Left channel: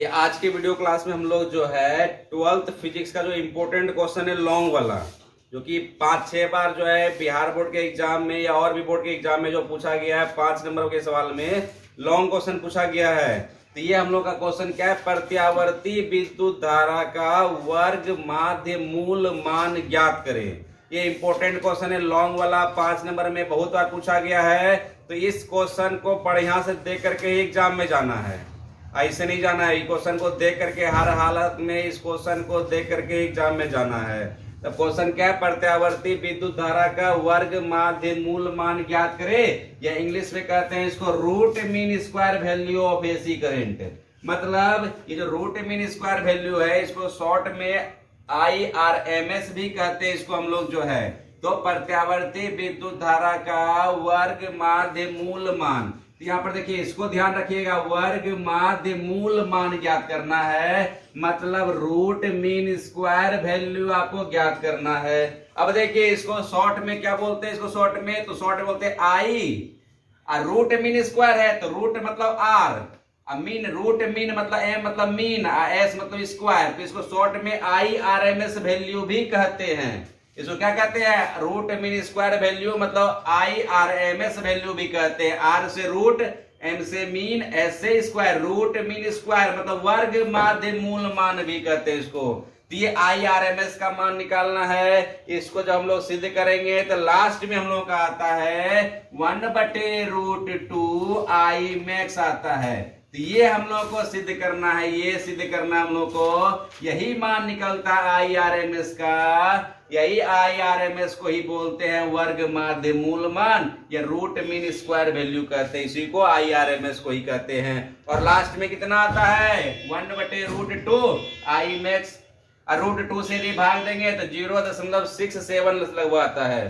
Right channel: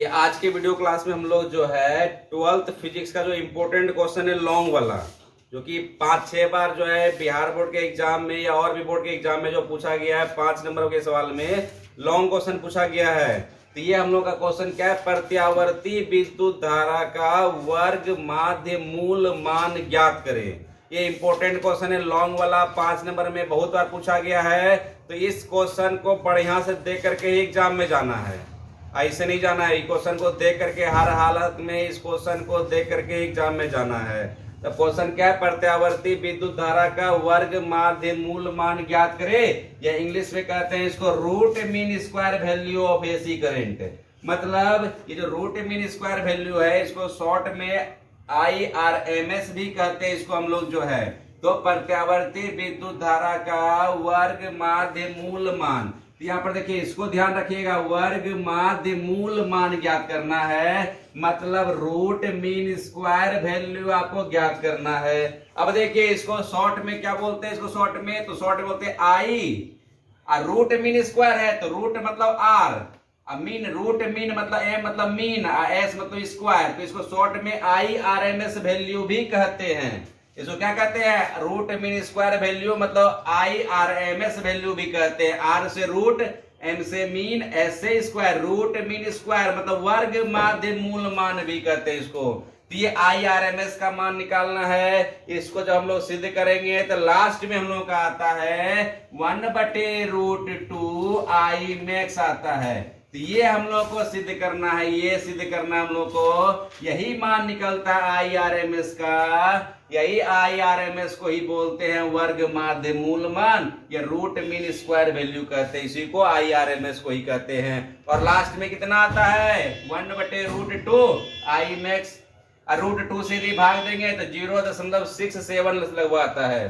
ये आज के वीडियो क्लास में हम लोग जो है 12th फिजिक्स का जो इम्पोर्टेंट क्वेश्चन है लॉन्ग वाला, जो कि 5-6 बार जो है बिहार बोर्ड के एग्जाम में या और भी बोर्ड के एग्जाम में जो पूछा गया है 5 नंबर के सवाल में लॉन्ग क्वेश्चन पूछा गया है। तो ये हम लोग का क्वेश्चन क्या है, प्रत्यावर्ती विद्युत धारा का वर्ग माध्य मूल मान ज्ञात करें। ये इंपॉर्टेंट क्वेश्चन है लॉन्ग वाला, 5 नंबर में बहुत बार पूछा गया है। तो इस क्वेश्चन को बढ़िया से देख करके ही एग्जाम में जाना है, ऐसे नहीं जाना है। क्वेश्चन को देख करके हर हालत में इस क्वेश्चन को देख करके एग्जाम में जाना है। तो क्वेश्चन क्या है, प्रत्यावर्ती विद्युत धारा का वर्ग माध्य मूल मान ज्ञात करे, या इंग्लिश में कहते हैं इसको root mean square value of AC current. मतलब ये जो रूट मीन स्क्वायर वैल्यू है इसको शॉर्ट में IRMS भी कहते हैं इसको हम लोग जो है। तो प्रत्यावर्ती विद्युत धारा का वर्ग माध्य मूल मान, तो यहाँ पर देखिए इसको ध्यान रखिएगा, वर्ग माध्य मूल मान ज्ञात करना है, मतलब रूट मीन स्क्वायर वैल्यू आपको ज्ञात करना है। अब देखिए इसको शॉर्ट में क्या बोलते हैं, इसको शॉर्ट में तो शॉर्ट में बोलते हैं आई, और रूट मीन स्क्वायर है तो रूट मतलब आर, मीन रूट मीन मतलब एम मतलब मीन, एस मतलब स्क्वायर, तो इसको शॉर्ट में IRMS वैल्यू भी कहते हैं। इसको क्या कहते हैं, रूट मीन स्क्वायर वैल्यू मतलब IRMS वैल्यू भी कहते हैं। आर से रूट, एम से मीन, एस से स्क्वायर, रूट मीन स्क्वायर मतलब वर्ग माध्य मूल मान भी कहते हैं इसको। तो ये IRMS का मान निकालना है। इसको जब हम लोग सिद्ध करेंगे तो लास्ट में हम लोग का आता है 1/√2 I max आता है। तो ये हम लोग को सिद्ध करना है, ये सिद्ध करना हम लोग को, यही मान निकलता है IRMS का। यही IRMS को ही बोलते हैं वर्ग माध्य मूल मान, या रूट मीन स्क्वायर वैल्यू कहते हैं, इसी को IRMS को ही कहते हैं। और लास्ट में कितना आता है 1/√2 I max, और √2 से यदि भाग देंगे तो 0.67 लगभग आता है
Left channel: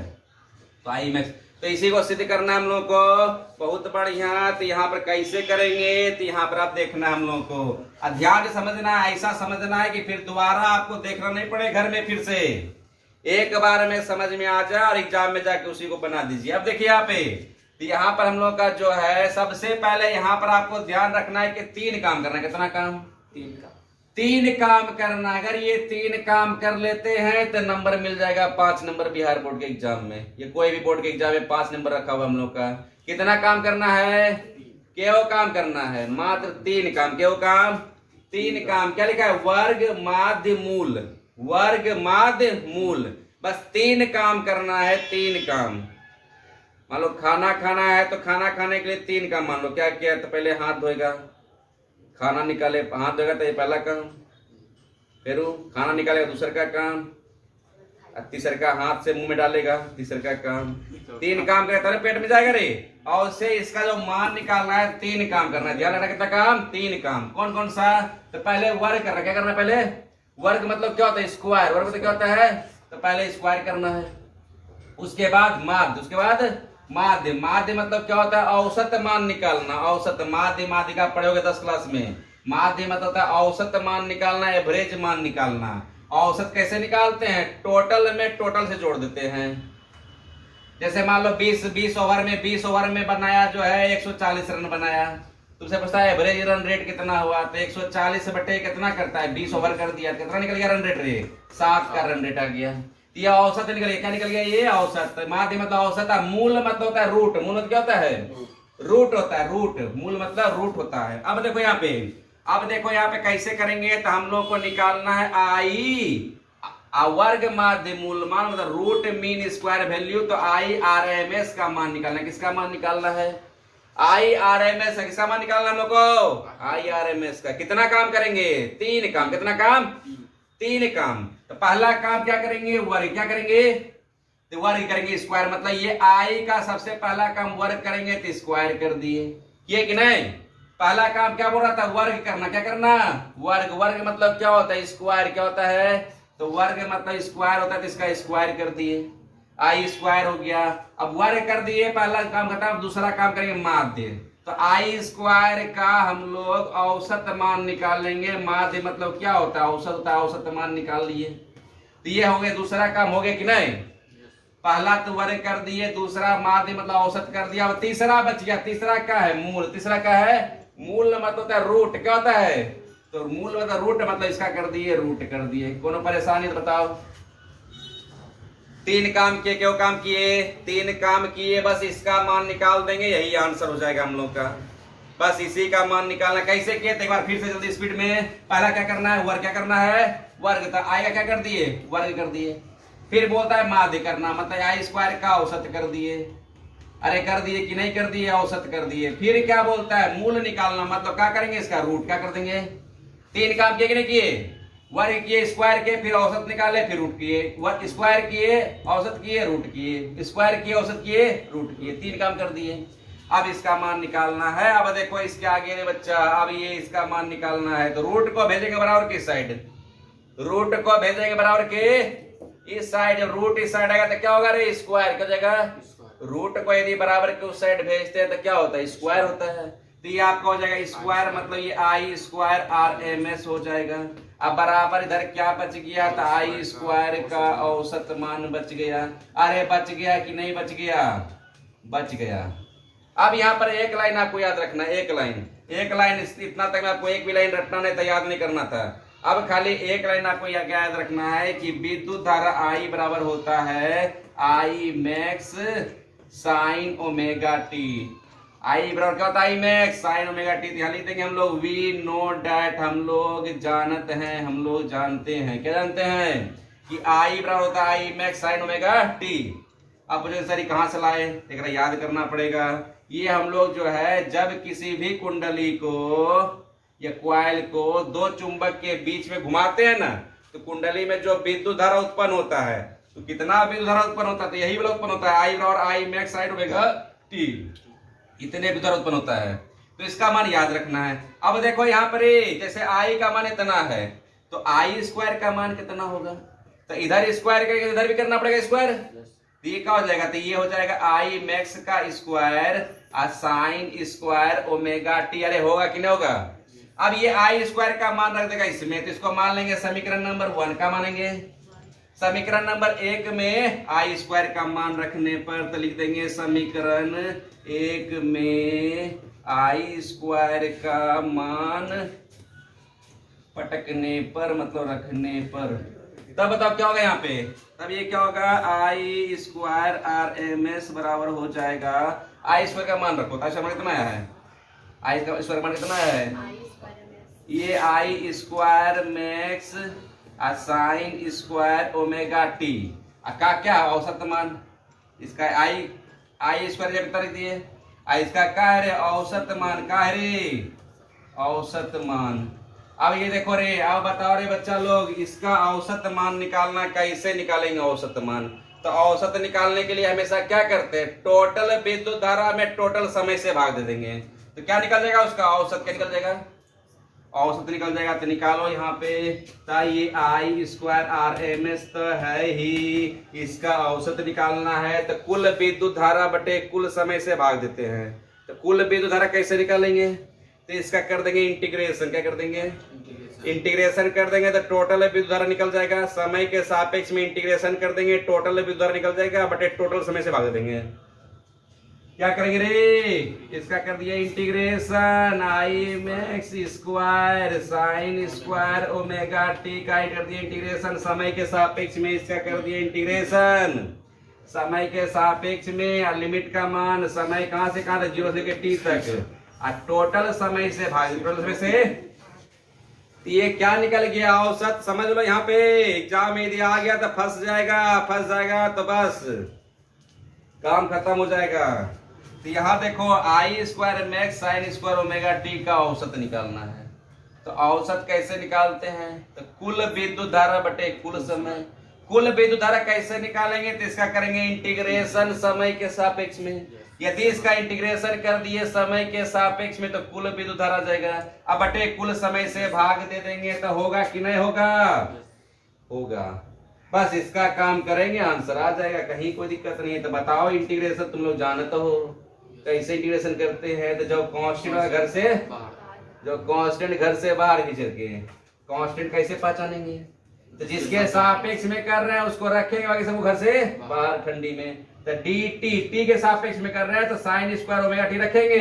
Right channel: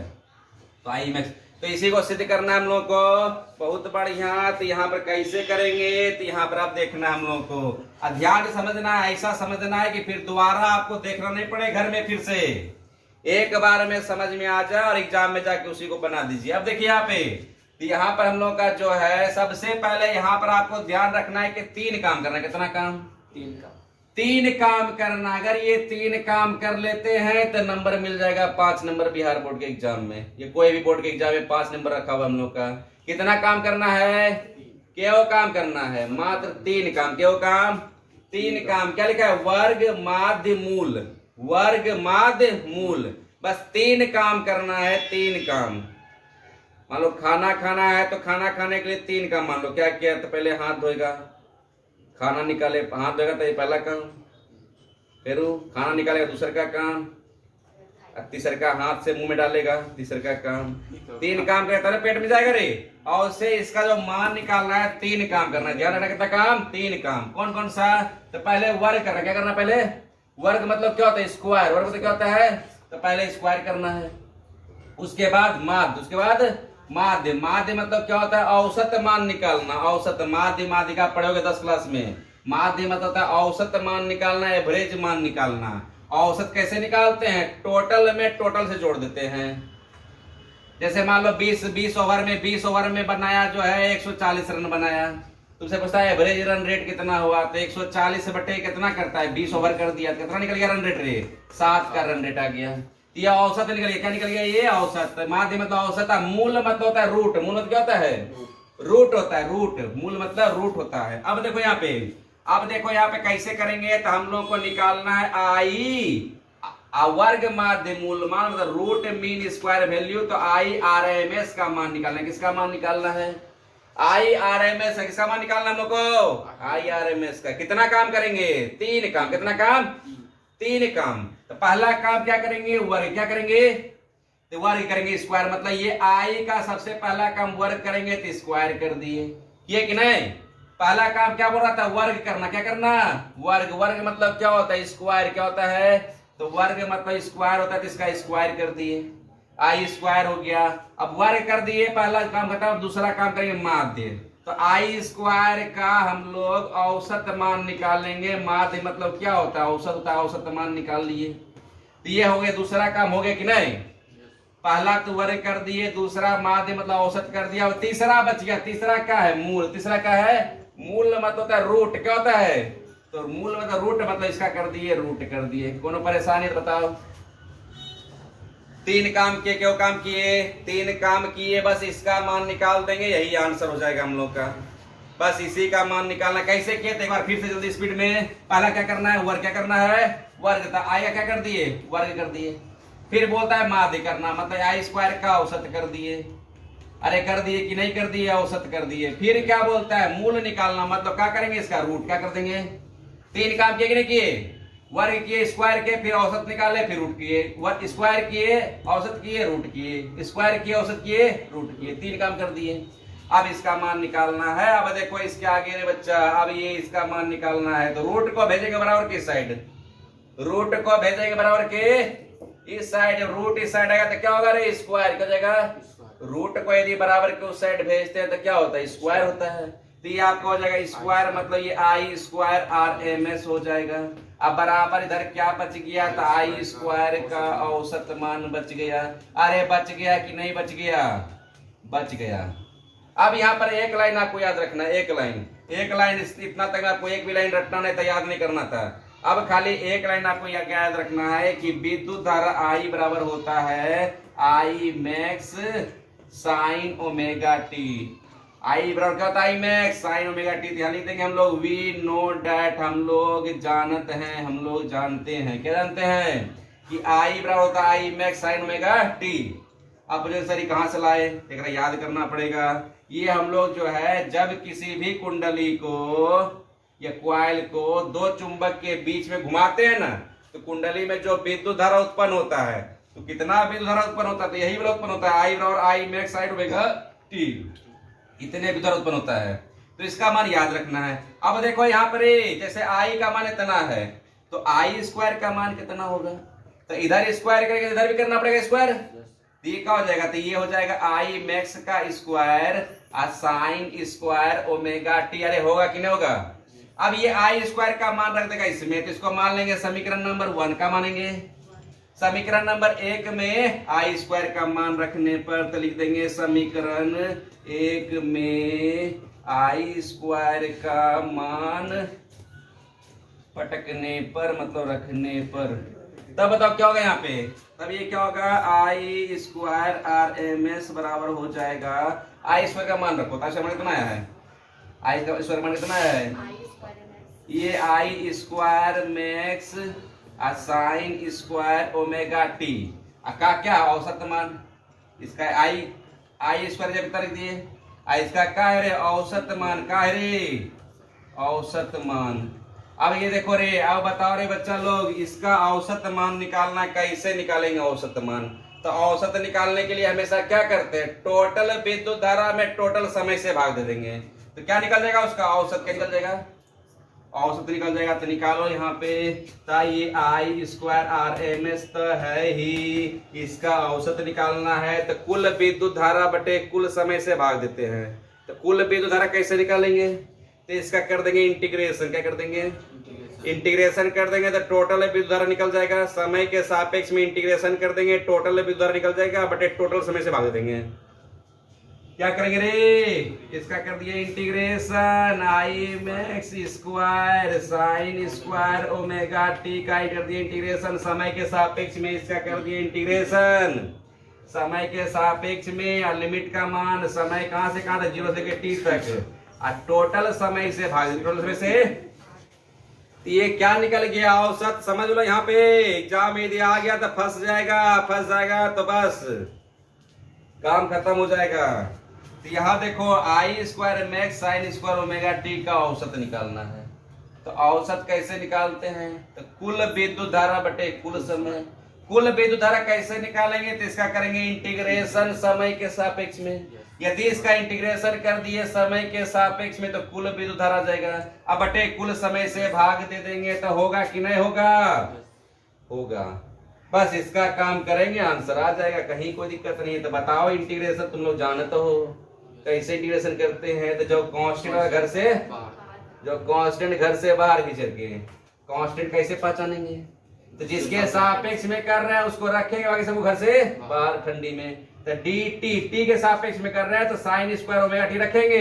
तो I max। तो इसी को सिद्ध करना है हम लोग को, बहुत बढ़िया। तो यहाँ पर कैसे करेंगे, तो यहाँ पर आप देखना हम लोग को ध्यान से समझना है, ऐसा समझना है कि फिर दोबारा आपको देखना नहीं पड़े घर में, फिर से एक बार में समझ में आ जाए और एग्जाम में जाके उसी को बना दीजिए। अब देखिए यहाँ पे, तो यहाँ पर हम लोग का जो है सबसे पहले यहाँ पर आपको ध्यान रखना है कि 3 काम करना है। कितना काम, 3 काम करना। अगर ये 3 काम कर लेते हैं तो नंबर मिल जाएगा 5 नंबर बिहार बोर्ड के एग्जाम में। ये कोई भी बोर्ड के एग्जाम में 5 नंबर रखा हुआ हम लोग का। कितना काम करना है, केवल काम करना है, मात्र 3 काम, केवल काम 3 काम। क्या लिखा है, वर्ग माध्य मूल, वर्ग माध्य मूल, बस 3 काम करना है, 3 काम। मान लो खाना खाना है तो खाना खाने के लिए 3 काम मान लो। क्या किया, तो पहले हाथ धोएगा, खाना निकाले, हाथ धोएगा तो ये पहला काम, फिर खाना निकालेगा दूसरा का काम, तीसरा का हाथ से मुंह में डालेगा, तीसरा का काम। 3 काम करेगा तब पेट में जाएगा रे। और उससे इसका जो मान निकालना है 3 काम करना है। ध्यान रखना कितना काम, 3 काम। कौन कौन सा, तो पहले वर्ग करना। क्या करना, पहले वर्ग मतलब क्या होता है, स्क्वायर। वर्ग मतलब क्या होता है, तो पहले स्क्वायर करना है। उसके बाद माध्य, उसके बाद माध्य। माध्य मतलब क्या होता है, औसत मान निकालना। औसत, माध्य माध्य का पढ़ोगे 10 क्लास में। माध्य मतलब होता है औसत मान निकालना, एवरेज मान निकालना। औसत कैसे निकालते हैं, टोटल में टोटल से जोड़ देते हैं। जैसे मान लो 20 ओवर में बनाया जो है 140 रन बनाया, तुमसे पूछता है एवरेज रन रेट कितना हुआ, तो 140 बटे कितना करता है, 20 ओवर कर दिया, कितना निकल गया रन रेट रे, 7 का रन रेट आ गया। ये औसत निकल गया, क्या निकल गया, ये औसत। माध्य मतलब औसत, मूल मतलब होता है रूट। मूल मतलब क्या होता है, रूट होता है, रूट। मूल मतलब रूट होता है। अब देखो यहाँ पे, अब देखो यहाँ पे कैसे करेंगे, तो हम लोग को निकालना है आई वर्ग माध्य मूल मान, मतलब रूट मीन स्क्वायर वैल्यू। तो IRMS का मान निकालना है। किसका मान निकालना है, IRMS किसका मान निकालना हम लोग को, IRMS का। कितना काम करेंगे, 3 काम। कितना काम, 3 काम। तो पहला काम क्या करेंगे, वर्ग। क्या करेंगे, तो वर्ग करेंगे, स्क्वायर। मतलब ये I का सबसे पहला काम वर्ग करेंगे तो स्क्वायर कर दिए, ये कि नहीं। पहला काम क्या बोल रहा था, वर्ग करना। क्या करना, वर्ग। वर्ग मतलब क्या होता है, स्क्वायर। क्या होता है, तो वर्ग मतलब स्क्वायर होता है, तो इसका स्क्वायर कर दिए, I स्क्वायर हो गया। अब वर्ग कर दिए, पहला काम खत्म। दूसरा काम करेंगे माध्य। तो I स्क्वायर का हम लोग औसत मान निकालेंगे। माध्य मतलब क्या होता है, औसत होता है, औसत मान निकाल लिए। तो ये हो गया, दूसरा काम हो गया कि नहीं। पहला तो वर्ग कर दिए, दूसरा माध्य मतलब औसत कर दिया, तीसरा बच गया। तीसरा क्या है, मूल। तीसरा क्या है, मूल मतलब होता है रूट। क्या होता है, तो मूल मतलब रूट मतलब इसका कर दिए रूट कर दिए। कोनो परेशानी तो बताओ। 3 काम किए, क्यों काम किए? 3 काम किए, बस इसका मान निकाल देंगे, यही आंसर हो जाएगा हम लोग का। बस इसी का मान निकालना। कैसे किए तो एक बार फिर से जल्दी स्पीड में। पहला क्या करना है? वर्ग क्या करना है? वर्ग। तो आई का क्या कर दिए? वर्ग कर दिए। फिर बोलता है माध्य करना, मतलब आई स्क्वायर का औसत कर दिए। अरे कर दिए कि नहीं कर दिए? औसत कर दिए। फिर क्या बोलता है? मूल निकालना, मतलब क्या करेंगे? इसका रूट क्या कर देंगे। 3 काम किए कि नहीं किए? वर्ग किए, स्क्वायर किए, फिर औसत निकाले, फिर रूट किए। स्क्वायर किए, औसत किए, रूट किए, स्क्वायर किए, औसत किए, रूट किए। 3 काम कर दिए। अब इसका मान निकालना है। अब देखो इसके आगे रे बच्चा, अब ये इसका मान निकालना है तो रूट को भेजेंगे बराबर किस साइड? रूट को भेजेंगे बराबर के इस साइड। रूट इस साइड आएगा तो क्या होगा रे? स्क्वायर क्या जाएगा? रूट को यदि बराबर के उस साइड भेजते हैं तो क्या होता है? स्क्वायर होता है। तो ये आपका हो जाएगा स्क्वायर, मतलब ये I square R M S हो जाएगा। अब बराबर इधर क्या बच गया? तो आई स्क्वायर का औसत मान बच गया। अरे बच गया कि नहीं बच गया? बच गया। अब यहाँ पर एक लाइन आपको याद रखना, एक लाइन इतना तक आपको एक भी लाइन रखना नहीं था, याद नहीं करना था। अब खाली एक लाइन आपको याद रखना है कि विद्युत धारा आई बराबर होता है I max sine omega t. I बराबर क्या होता है? I max sine omega t. ध्यान लिखेंगे हम लोग, वी नो डैट, हम लोग जानते हैं, हम लोग जानते हैं। क्या जानते हैं? कि आई बराबर होता है I max sine omega T. अब बोले सर कहां से लाए? एक याद करना पड़ेगा। ये हम लोग जो है जब किसी भी कुंडली को या क्वाइल को 2 चुंबक के बीच में घुमाते हैं ना, तो कुंडली में जो विद्युत धारा उत्पन्न होता है, तो कितना विद्युत धारा उत्पन्न होता है? तो यही वाला उत्पन्न होता है आई बराबर आई मैक्स साइन ओमेगा टी। इतने विद्युत धारा उत्पन्न होता है, तो इसका मान याद रखना है। अब देखो यहाँ पर जैसे आई का मान इतना है तो आई स्क्वायर का मान कितना होगा? तो इधर स्क्वायर करके इधर भी करना पड़ेगा स्क्वायर। तो ये क्या हो जाएगा? तो ये हो जाएगा आई मैक्स का square sine square omega T. अरे होगा कि नहीं होगा? अब ये आई स्क्वायर का मान रख देगा इसमें, तो इसको मान लेंगे समीकरण नंबर 1 का मानेंगे। समीकरण नंबर 1 में आई स्क्वायर का मान रखने पर तो लिख देंगे समीकरण 1 में आई स्क्वायर का मान पटकने पर, मतलब रखने पर, तब बताओ क्या होगा यहाँ पे? तब ये क्या होगा? आई स्क्वायर आर एम एस बराबर हो जाएगा। आई स्क्वायर का मान रखो, आई स्क्वायर कितना है? आई स्क्वायर मान कितना है? ये I square max sine square omega t का क्या औसत मान? इसका आई स्क्वायर जब तक दिए, इसका क्या है रे? औसत मान का है रे? औसत मान। अब ये देखो रे, अब बताओ रे बच्चा लोग, इसका औसत मान निकालना कैसे निकालेंगे औसत मान? तो औसत निकालने के लिए हमेशा क्या करते हैं? टोटल विद्युत धारा में टोटल समय से भाग दे देंगे, तो क्या निकल जाएगा? उसका औसत क्या निकल जाएगा? औसत निकल जाएगा। तो निकालो यहाँ पे, तो ये I square R M S तो है ही, इसका औसत निकालना है तो कुल विद्युत धारा बटे कुल समय से भाग देते हैं। तो कुल विद्युत धारा कैसे निकालेंगे? तो इसका कर देंगे इंटीग्रेशन। क्या कर देंगे? इंटीग्रेशन कर देंगे तो टोटल विद्युत धारा निकल जाएगा। समय के सापेक्ष में इंटीग्रेशन कर देंगे, टोटल विद्युत धारा निकल जाएगा बटे टोटल समय से भाग देंगे। क्या करेंगे रे? इसका कर दिया integration I max square sine square omega t का कर दिया इंटीग्रेशन। समय के सापेक्ष में इसका कर दिया इंटीग्रेशन। समय के सापेक्ष में और लिमिट का मान, समय कहां से कहां तक? 0 से टी तक, और टोटल समय से भाग, टोटल समय से। तो ये क्या निकल गया? औसत। समझ लो यहाँ पे एग्जाम में यदि आ गया तो फंस जाएगा तो बस काम खत्म हो जाएगा। तो यहाँ देखो I square max sine square omega t का औसत निकालना है। तो औसत कैसे निकालते हैं? तो कुल विद्युत धारा बटे कुल समय। कुल विद्युत धारा कैसे निकालेंगे? तो इसका करेंगे इंटीग्रेशन समय के सापेक्ष में। यदि इसका इंटीग्रेशन कर दिए समय के सापेक्ष में तो कुल विद्युत धारा जाएगा, अब बटे कुल समय से भाग दे देंगे तो होगा कि नहीं होगा? होगा। बस इसका काम करेंगे, आंसर आ जाएगा, कहीं कोई दिक्कत नहीं है। तो बताओ इंटीग्रेशन तुम लोग जानते हो कैसे इंटीग्रेशन करते हैं? तो जो कांस्टेंट घर से बाहर खींच के कांस्टेंट कैसे पहचानेंगे? तो जिसके सापेक्ष में कर रहे हैं उसको रखेंगे, बाकी सबको घर से बाहर ठंडी में। तो डी टी के सापेक्ष में कर रहे हैं तो साइन स्क्वायर ओमेगा टी रखेंगे,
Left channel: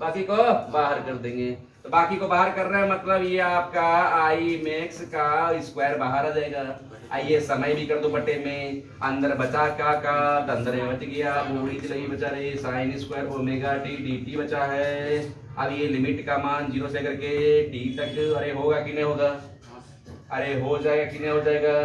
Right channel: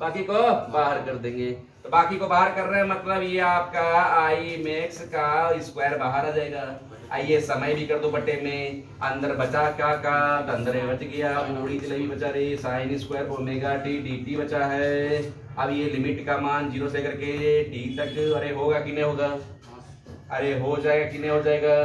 बाकी को बाहर कर देंगे। तो बाकी को बाहर कर रहे हैं, मतलब ये आपका आई मैक्स का स्क्वायर बाहर आ जाएगा। आइए समय भी कर दो बटे में, अंदर बचा क्या का, तो अंदर बच गया, बूढ़ी चली बचा रही sign square omega T D T बचा है। अब ये लिमिट का मान 0 से करके टी तक, अरे होगा कि नहीं होगा, अरे हो जाएगा कि नहीं हो जाएगा।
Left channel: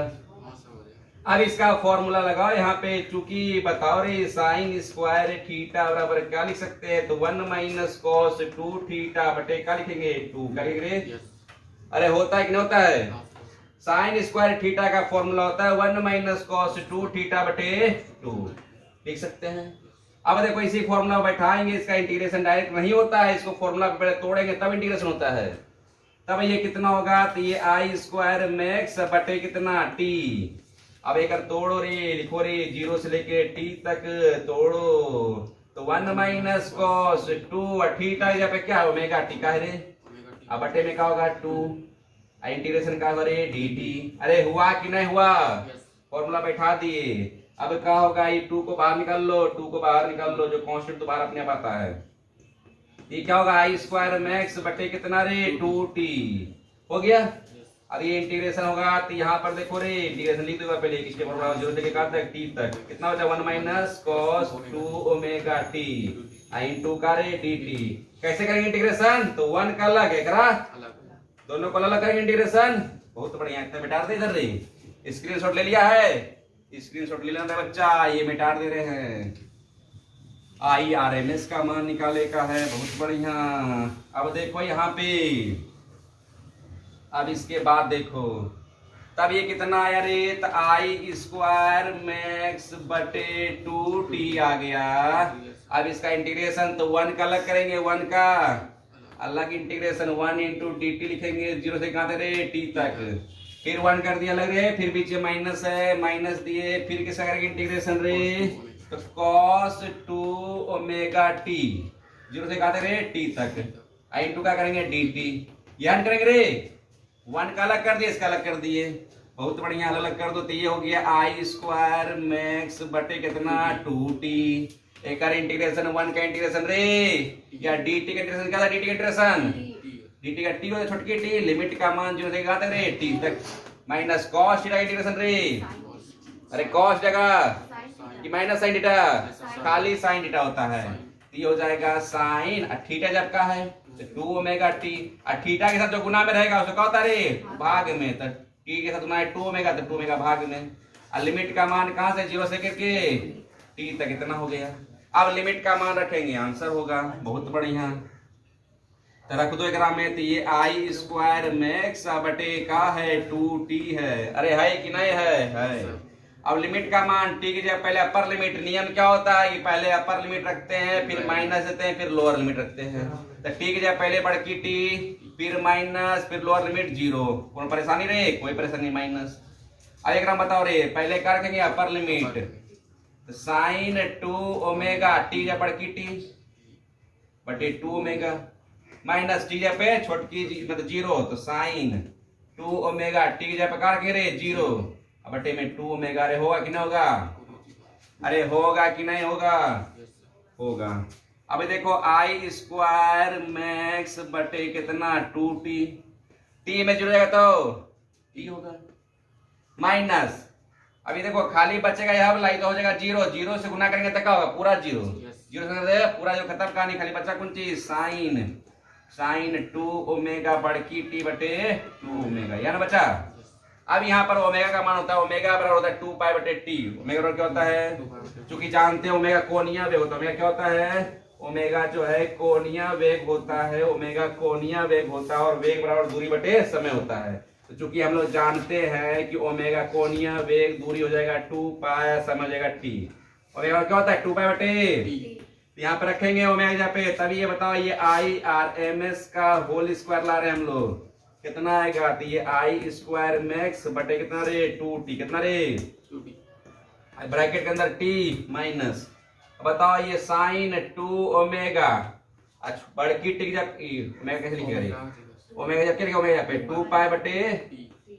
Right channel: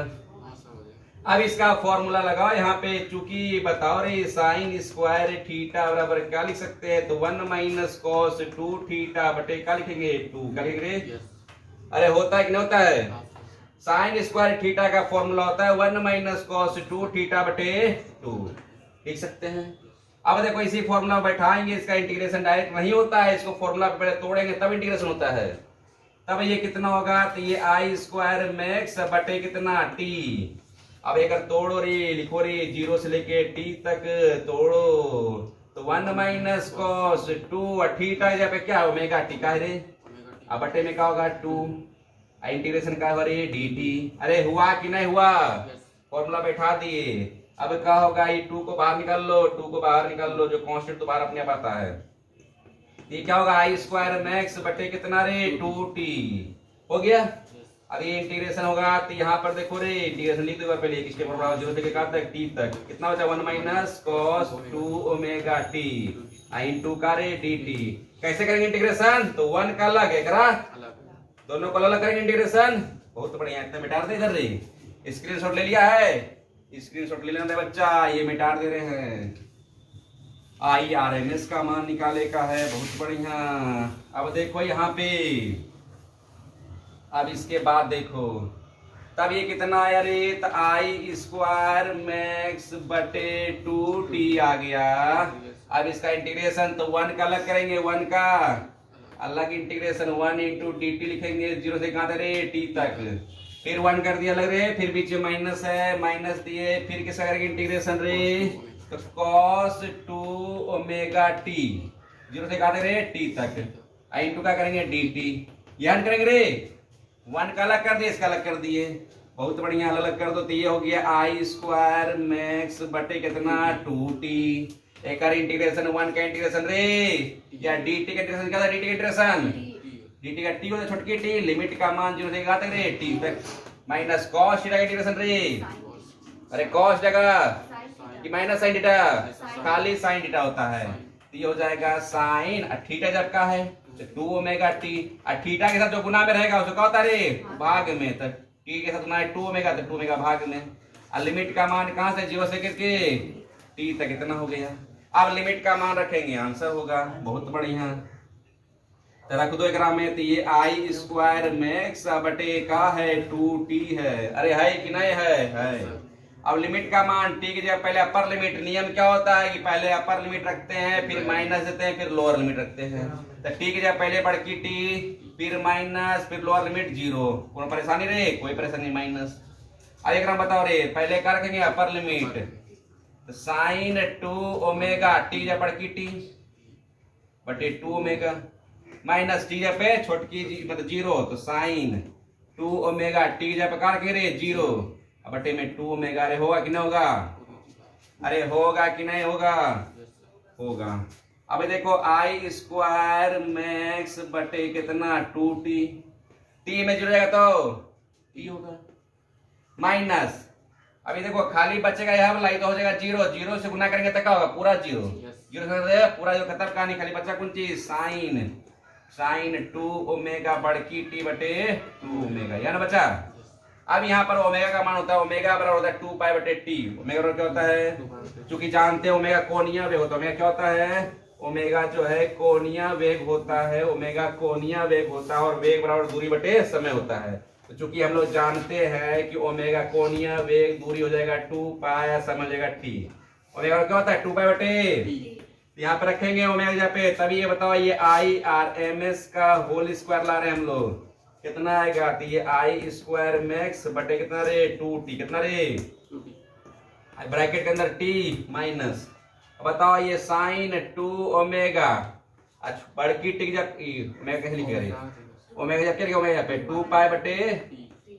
अब इसका फॉर्मूला लगाओ यहाँ पे, चूंकि बताओ रे साइन स्क्वायर थीटा बराबर क्या लिख सकते हैं, तो 1 माइनस कॉस 2 थीटा बटे क्या लिखेंगे 2, क्या लिखेंगे। अरे होता है कि नहीं होता है, साइन स्क्वायर थीटा का फॉर्मूला होता है 1 माइनस कॉस 2 थीटा बटे 2, लिख सकते हैं। अब देखो इसी फॉर्मूला बैठाएंगे, इसका इंटीग्रेशन डायरेक्ट नहीं होता है, इसको फॉर्मूला पे पहले तोड़ेंगे तब इंटीग्रेशन होता है। तब ये कितना होगा, तो ये आई स्क्वायर मैक्स बटे कितना टी। अब एक तोड़ो रे, लिखो रे 0 से लेके टी तक तोड़ो, तो 1 माइनस कॉस 2 थीटा जहाँ पे क्या है ओमेगा टी का है रे, अब बटे में क्या होगा 2, इंटीग्रेशन का होगा रे डी टी। अरे हुआ कि नहीं हुआ, फॉर्मूला बैठा दिए। अब क्या होगा, ये 2 को बाहर निकाल लो, 2 को बाहर निकाल लो, जो कांस्टेंट तो बाहर अपने आप आता है। ये क्या होगा आई स्क्वायर मैक्स बटे कितना रे 2t, हो गया। अब ये इंटीग्रेशन होगा, तो यहाँ पर देखो रे इंटीग्रेशन लिख दो पहले, किसके फॉर्मूला 0 से कहाँ तक टी तक, कितना बचा 1 minus cos 2 omega T into का रे डी टी। कैसे करेंगे इंटीग्रेशन, तो 1 का अलग है करा, दोनों को अलग करेंगे इंटीग्रेशन। बहुत बढ़िया, इतना मिटा दे इधर रे, स्क्रीनशॉट ले लिया है, स्क्रीनशॉट ले लेना बच्चा, ये मिटा दे रहे हैं। आई आर एम एस का मान निकाले का है, बहुत बढ़िया। अब देखो यहाँ पे, अब इसके बाद देखो, तब ये कितना आया रे, तो आई स्क्वायर मैक्स बटे 2t आ गया। अब इसका इंटीग्रेशन तो 1 का अलग करेंगे, 1 का अलग इंटीग्रेशन 1 इंटू डी टी लिखेंगे, 0 से कहाँ रे टी तक, फिर 1 कर दिया अलग रे, फिर बीच में माइनस है, माइनस दिए, फिर किसका करेंगे इंटीग्रेशन रे, तो cos 2 ओमेगा टी 0 से कहा रे टी तक, इंटू का करेंगे डी टी, याद करेंगे रे 1 का अलग कर दिए, इसका अलग कर दिए, बहुत बढ़िया, अलग कर दो, तो ये हो गया आई स्क्वायर मैक्स बटे कितना 2t। एक इंटीग्रेशन 1 का इंटीग्रेशन रे, या डी टी का इंटीग्रेशन क्या था, डी टी का इंटीग्रेशन डी टी का टी होता छोटकी टी, लिमिट का मान 0 से कहा तक रे टी तक, माइनस कॉस थीटा इंटीग्रेशन रे, अरे कॉस जगह कि माइनस साइन थीटा, खाली साइन थीटा होता है, तो ये हो जाएगा साइन थीटा जब का है तो 2 ओमेगा टी, और थीटा के साथ जो गुना में रहेगा उसको क्या होता है रे भाग में, तो टी के साथ गुना है 2 ओमेगा, तो 2 ओमेगा भाग में, और लिमिट का मान कहां से 0 से करके टी तक इतना हो गया। अब लिमिट का मान रखेंगे, आंसर होगा, बहुत बढ़िया, तो रख दो एकरा में, तो ये आई स्क्वायर मैक्स बटे का है 2t है, अरे है कि नहीं है। अब लिमिट का मान टी की जगह पहले अपर लिमिट, नियम क्या होता है कि पहले अपर लिमिट रखते हैं, फिर माइनस देते हैं, फिर लोअर लिमिट रखते हैं, तो टी की जगह पहले बड़की टी, फिर माइनस, फिर लोअर लिमिट 0, कौन परेशानी रे, कोई परेशानी माइनस। अब एक बताओ रे, पहले क्या रखेंगे अपर लिमिट, तो साइन 2 ओमेगा टी जगह बड़की टी बटे 2 ओमेगा, माइनस टी जगह पे छोटकी मतलब 0, तो साइन 2 ओमेगा टी जगह पे क्या रखेंगे रे 0 बटे में 2 ओमेगा, अरे होगा कि नहीं होगा, अरे होगा कि नहीं होगा, होगा। अब देखो आई स्क्वायर मैक्स बटे कितना 2t, टी में जुड़ेगा तो टी होगा, माइनस, अभी देखो खाली बचेगा यहाँ पर लाई तो हो जाएगा 0, 0 से गुना करेंगे तो क्या होगा पूरा 0, 0 से पूरा जो खत्म कहानी, खाली बच्चा कौन चीज साइन 2 ओमेगा बड़की टी बटे 2 ओमेगा, या ना बच्चा। अब यहाँ पर ओमेगा का मान होता है, ओमेगा बराबर होता है 2 पाई बटे टी, ओमेगा क्या होता है, क्योंकि जानते हैं ओमेगा कोणीय वेग होता है, ओमेगा क्या होता है, ओमेगा जो है कोणीय वेग होता है, ओमेगा कोणीय वेग होता है, और वेग बराबर दूरी बटे समय होता है, तो चूंकि हम लोग जानते हैं कि ओमेगा कोणीय वेग दूरी हो जाएगा 2 पाई, समय हो जाएगा टी, ओमेगा क्या होता है 2 पाई बटे, यहाँ पे रखेंगे ओमेगा यहाँ पे, तभी ये बताओ ये आई आर एम एस का होल स्क्वायर ला रहे हैं हम लोग, कितना आएगा, तो ये आई स्क्वायर मैक्स बटे कितना रे 2t, कितना रे 2t, ब्रैकेट के अंदर t माइनस, बताओ ये साइन 2 ओमेगा, अच्छा बड़की टी जब ओमेगा कैसे लिखेगा, ओमेगा जब क्या लिखेगा, ओमेगा पे 2 पाई बटे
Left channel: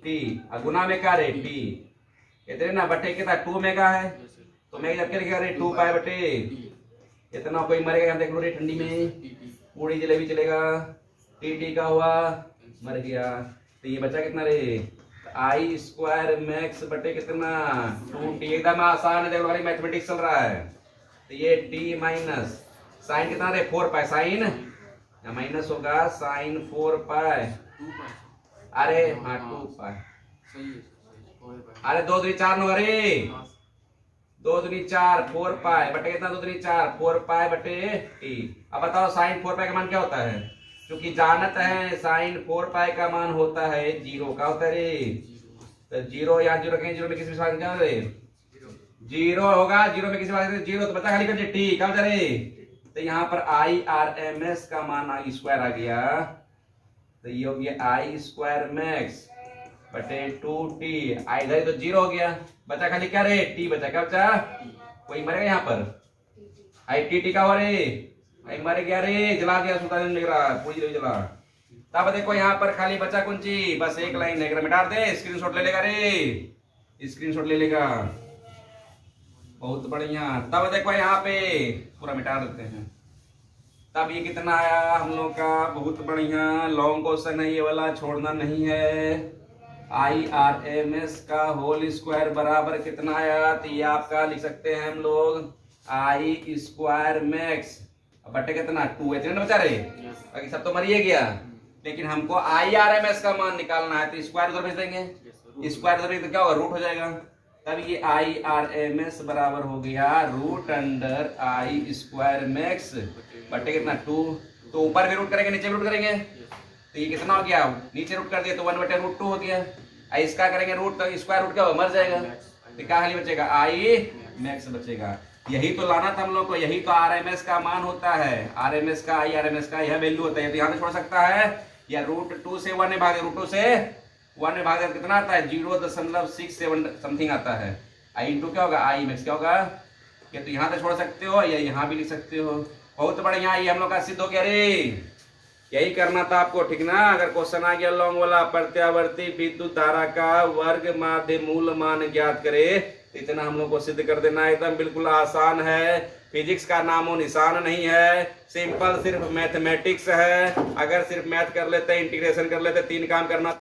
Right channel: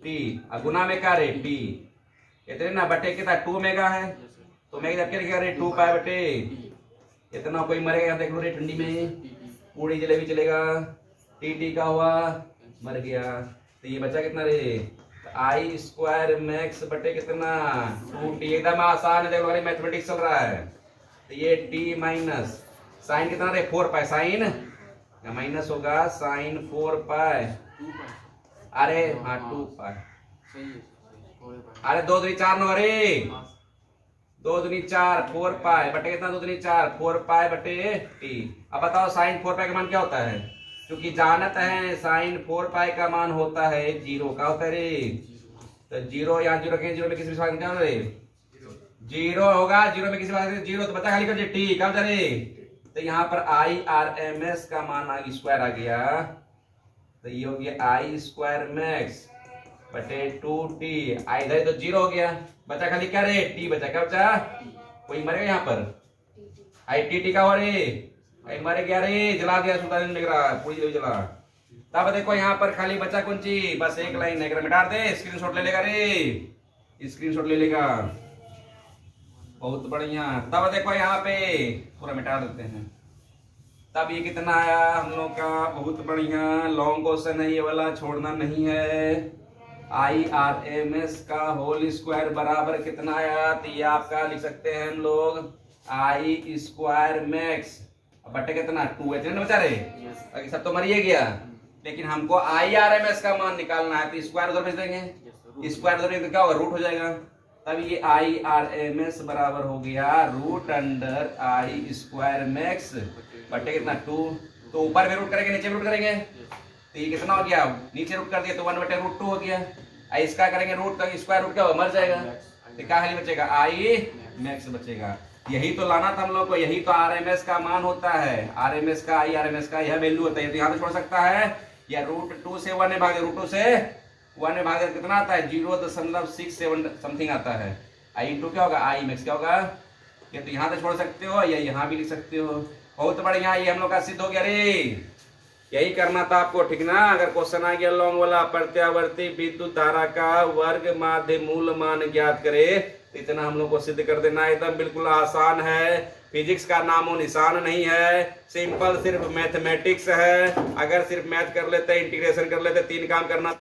t, गुना में क्या रे t, इतने ना बटे कितना 2 ओमेगा है, तो ओमेगा जब क्या लिखेगा रे 2 पाई बटे, इतना कोई मरेगा देख लो रे ठंडी में, पूरी जलेबी चलेगा, टी टी का हुआ, मर गया। तो ये बचा कितना रे, आई स्क्वायर मैक्स बटे कितना 2t। एकदम आसान है, देखो खाली मैथमेटिक्स चल रहा है। तो ये t माइनस साइन कितना रे 4 पाई, साइन या माइनस होगा साइन 4 पाई, अरे हाँ 2 पाई, अरे 2 दूनी 4 नो, अरे 2 दूनी 4 4 पाई बटे कितना 2 दूनी 4 4 पाई बटे t। अब बताओ साइन 4 पाई का मान क्या होता है, क्योंकि जानत है साइन 4 पाई का मान होता है 0 का होता है रे। तो 0 यहाँ 0 कहीं 0 में किसी भी क्या रे 0 होगा, 0 में किसी बात 0 तो बचा खाली कर टी क्या बचा रे। तो यहाँ पर आई आर एम एस का मान स्क्वायर आ गया, तो ये हो गया आई स्क्वायर मैक्स बटे 2t। आई इधर तो 0 हो गया, बचा खाली क्या रे टी बचा, क्या बचा, कोई मरेगा यहाँ पर, आई टी का हो रे, आई मर गया रे, जला दिया सुल्तान ने पूरी जला। तब देखो यहाँ पर खाली बचा कौन सी, बस एक लाइन है, मिटा दे, स्क्रीनशॉट ले लेगा रे, स्क्रीनशॉट ले लेगा, बहुत बढ़िया। तब देखो यहाँ पे पूरा मिटा देते हैं। तब ये कितना आया हम लोग का, बहुत बढ़िया, लॉन्ग क्वेश्चन है ये वाला, छोड़ना नहीं है। आई आर एम एस का होल स्क्वायर बराबर कितना आया, तो ये आपका लिख सकते हैं हम लोग आई स्क्वायर मैक्स बटे कितना 2 है, बचा रहे बाकी सब तो मरिए गया, लेकिन हमको आई आर एम एस का मान निकालना है, तो स्क्वायर उधर भेज देंगे, स्क्वायर उधर भेज क्या होगा रूट हो जाएगा। तब ये आई आर एम एस बराबर हो गया रूट अंडर आई स्क्वायर मैक्स बटे कितना 2। तो ऊपर भी रूट करेंगे नीचे भी रूट करेंगे, तो ये कितना हो गया, नीचे रूट कर दिया तो 1/√2 हो गया। इसका करेंगे रूट तो स्क्वायर रूट क्या होगा मर जाएगा, तो क्या खाली बचेगा आई मैक्स बचेगा। यही तो लाना था हम लोग को, यही तो आरएमएस का मान होता है, आरएमएस का आई आरएमएस का यह वैल्यू होता है। तो यहाँ पे छोड़ सकता है या √2 से 1 में भागे, √2 से 1 में भागे कितना आता है 0.67 समथिंग आता है। आई इंटू क्या होगा आई मैक्स क्या होगा, या तो यहाँ से छोड़ सकते हो या यहाँ भी लिख सकते हो। बहुत बढ़िया, ये हम लोग का सिद्ध हो गया रे, यही करना था आपको, ठीक ना। अगर क्वेश्चन आ गया लॉन्ग वाला, प्रत्यावर्ती विद्युत धारा का वर्ग माध्य मूल मान ज्ञात करे, तो इतना हम लोग को सिद्ध कर देना, एकदम बिल्कुल आसान है। फिजिक्स का नामो निशान नहीं है, सिंपल सिर्फ मैथमेटिक्स है। अगर सिर्फ मैथ कर लेते, इंटीग्रेशन कर लेते, 3 काम करना